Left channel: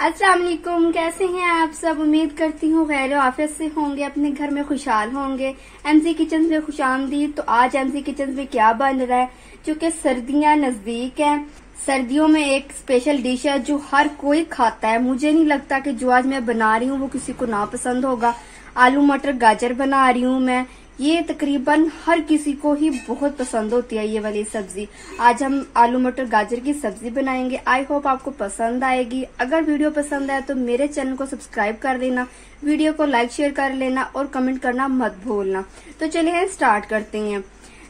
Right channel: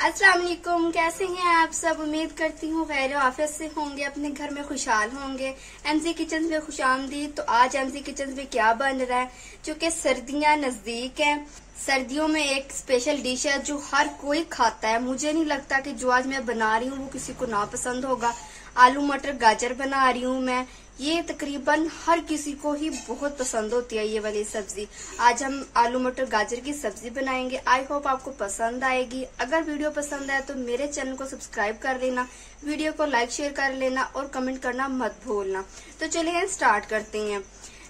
अस्सलाम वालेकुम, कैसे हैं आप सब। उम्मीद करती हूँ खैर ऑफिस से होंगे, अपने घर में खुशहाल होंगे। एमसी किचन में खुशामदीद। तो आज एमसी किचन में क्या बन रहा है, चूँकि सर्दियाँ नजदीक हैं। सर्दियों में एक स्पेशल डिश है जो हर कोई खाता है। मुझे नहीं लगता कि जो आज मैं बना रही हूँ वो किसी को ना पसंद होगा। आलू मटर गाजर बना रही हूँ मैं। ये तकरीबन हर किसी को ही बहुत पसंद होती है ये वाली सब्जी। आज हम आलू मटर गाजर की सब्जी बनाएंगे। आई होप आपको पसंद आएगी। अगर वीडियो पसंद आए तो मेरे चैनल को सब्सक्राइब कर देना, वीडियो को लाइक शेयर कर लेना और कमेंट करना मत भूलना। तो चलिए स्टार्ट करते हैं।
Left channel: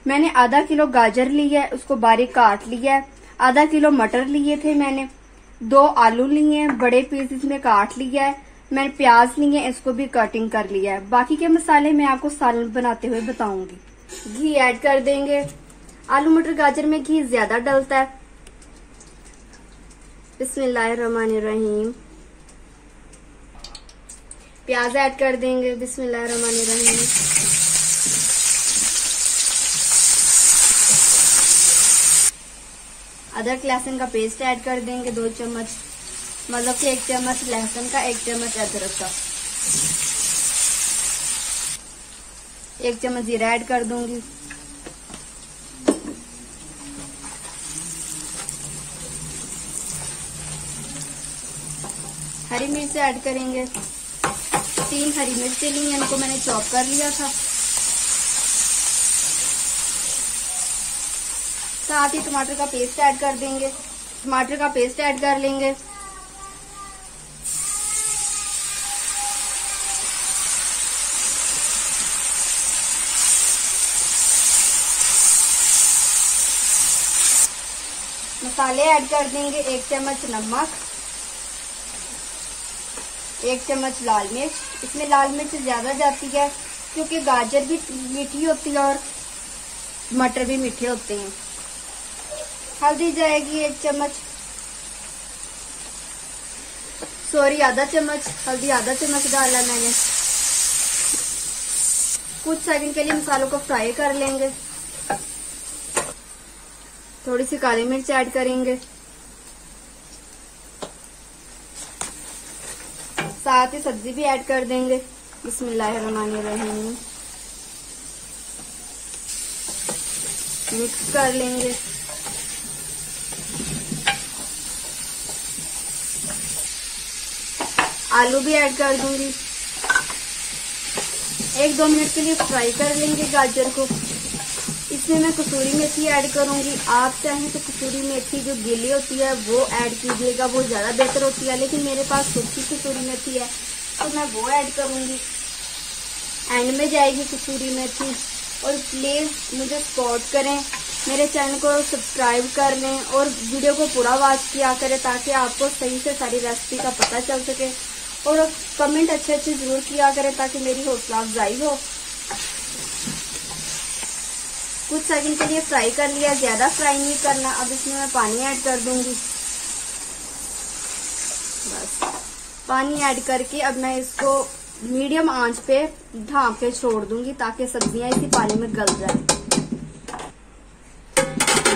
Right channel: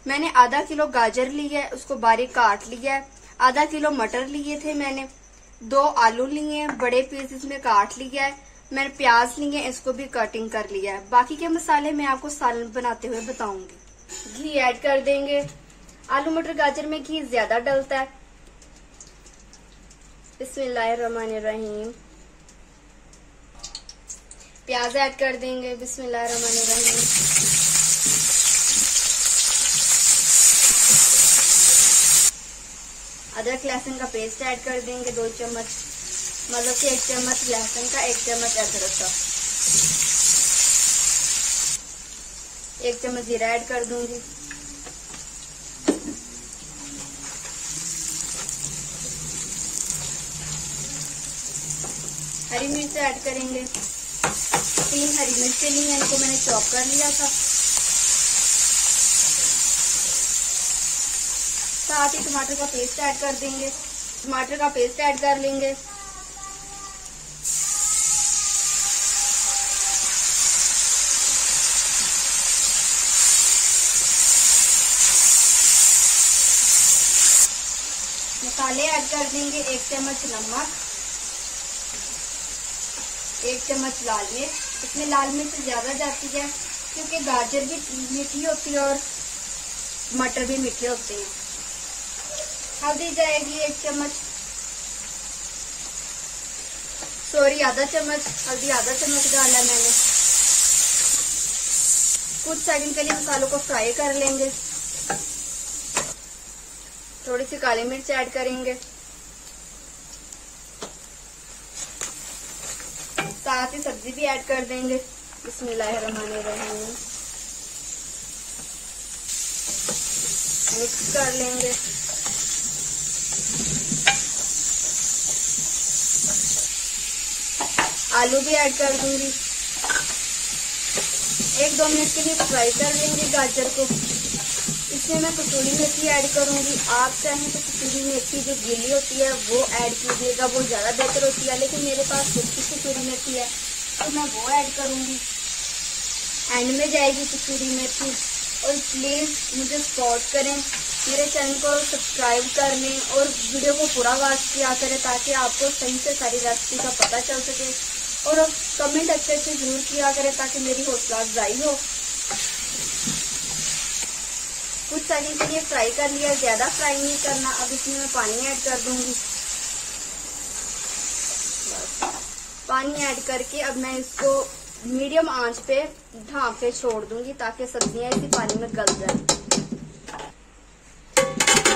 मैंने आधा किलो गाजर लिया है, उसको बारीक काट लिया है। आधा किलो मटर लिए थे मैंने। 2 आलू लिए हैं, बड़े पीसेस में काट लिया है। मैंने प्याज लिए हैं, इसको भी कटिंग कर लिया है। बाकी के मसाले मैं आपको सालन बनाते हुए बताऊंगी। घी ऐड कर देंगे। आलू मटर गाजर में घी ज्यादा डलता है। बिस्मिल्लाहिर्रहमानिर्रहीम। प्याज ऐड कर देंगे। बिस्मिल्लाहिर्रहमानिर्रहीम। अदरक लहसुन का पेस्ट ऐड कर देंगे 2 चम्मच, मतलब कि 1 चम्मच लहसुन का, 1 चम्मच अदरक का। 1 चम्मच जीरा ऐड कर दूंगी। हरी मिर्च ऐड करेंगे। 3 हरी मिर्च ली हैं, इनको मैंने चॉप कर लिया था। साथ ही टमाटर का पेस्ट ऐड कर देंगे। टमाटर का पेस्ट ऐड कर लेंगे। मसाले ऐड कर देंगे। 1 चम्मच नमक, 1 चम्मच लाल मिर्च। इसमें लाल मिर्च ज्यादा जाती है क्योंकि गाजर भी मीठी होती है और मटर भी मीठे होते हैं। हल्दी जाएगी 1 चम्मच, सॉरी आधा चम्मच हल्दी, आधा चम्मच डाला मैंने। कुछ सेकंड के लिए मसालों को फ्राई कर लेंगे। थोड़ी सी काली मिर्च ऐड करेंगे। साथ ही सब्जी भी ऐड कर देंगे। बिस्मिल्लाहिर्रहमानिर्रहीम। मिक्स कर लेंगे। आलू भी ऐड कर दूंगी। 1-2 मिनट के लिए फ्राई कर लेंगे गाजर को। इसमें मैं कसूरी मेथी ऐड करूंगी। आप चाहें तो कसूरी मेथी जो गीली होती है वो ऐड कीजिएगा, वो ज्यादा बेहतर होती है। लेकिन मेरे पास सूखी कसूरी मेथी है तो मैं वो ऐड करूंगी। एंड में जाएगी कसूरी मेथी। और प्लीज मुझे सपोर्ट करें, मेरे चैनल को सब्सक्राइब कर लें और वीडियो को पूरा वॉच किया करें ताकि आपको सही से सारी रेसिपी का पता चल सके। और कमेंट अच्छे जरूर किया करें ताकि मेरी हौसला अफजाई हो। कुछ सेकंड के लिए फ्राई कर लिया, ज्यादा फ्राई नहीं करना। अब इसमें मैं पानी ऐड कर दूंगी। बस पानी ऐड करके अब मैं इसको मीडियम आंच पे ढांक के छोड़ दूंगी ताकि सब्जियां इसी पानी में गल जाए।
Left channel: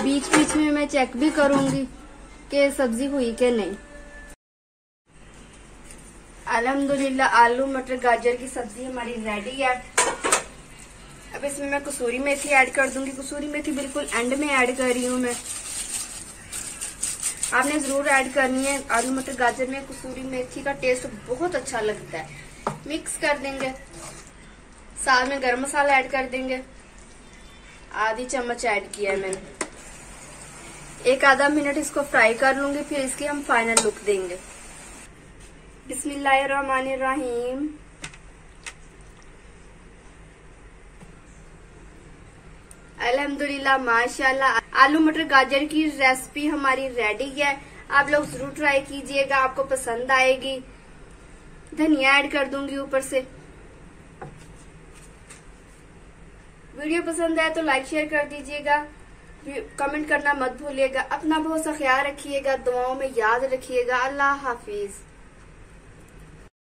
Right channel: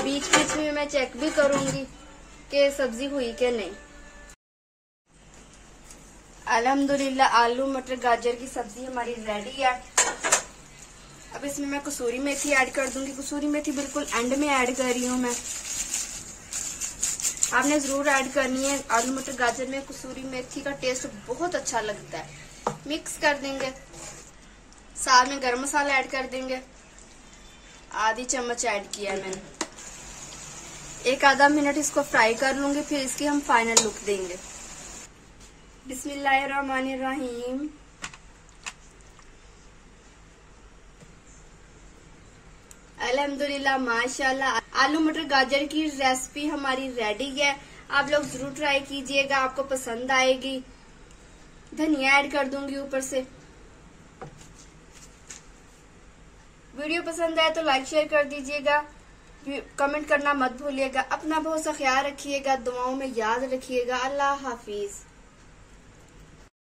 बीच बीच में मैं चेक भी करूंगी कि सब्जी हुई कि नहीं। अल्हम्दुलिल्लाह आलू मटर गाजर की सब्जी हमारी रेडी है। अब इसमें मैं कसूरी मेथी ऐड कर दूंगी। कसूरी मेथी बिल्कुल एंड में ऐड कर रही हूँ मैं। आपने जरूर ऐड करनी है। आलू मटर गाजर में कसूरी मेथी का टेस्ट बहुत अच्छा लगता है। मिक्स कर देंगे। साथ में गरम मसाला ऐड कर देंगे। आधी चम्मच ऐड किया है मैंने। 1-आधा मिनट इसको फ्राई कर लूंगी, फिर इसकी हम फाइनल लुक देंगे। बिस्मिल्लाहिर्रहमानिर्रहीम। अल्हम्दुलिल्लाह माशाल्लाह आलू मटर गाजर की रेसिपी हमारी रेडी है। आप लोग जरूर ट्राई कीजिएगा, आपको पसंद आएगी। धनिया ऐड कर दूंगी ऊपर से। वीडियो पसंद आए तो लाइक शेयर कर दीजिएगा, कमेंट करना मत भूलिएगा। अपना बहुत सा ख्याल रखिएगा, दुआओं में याद रखिएगा। अल्लाह हाफिज।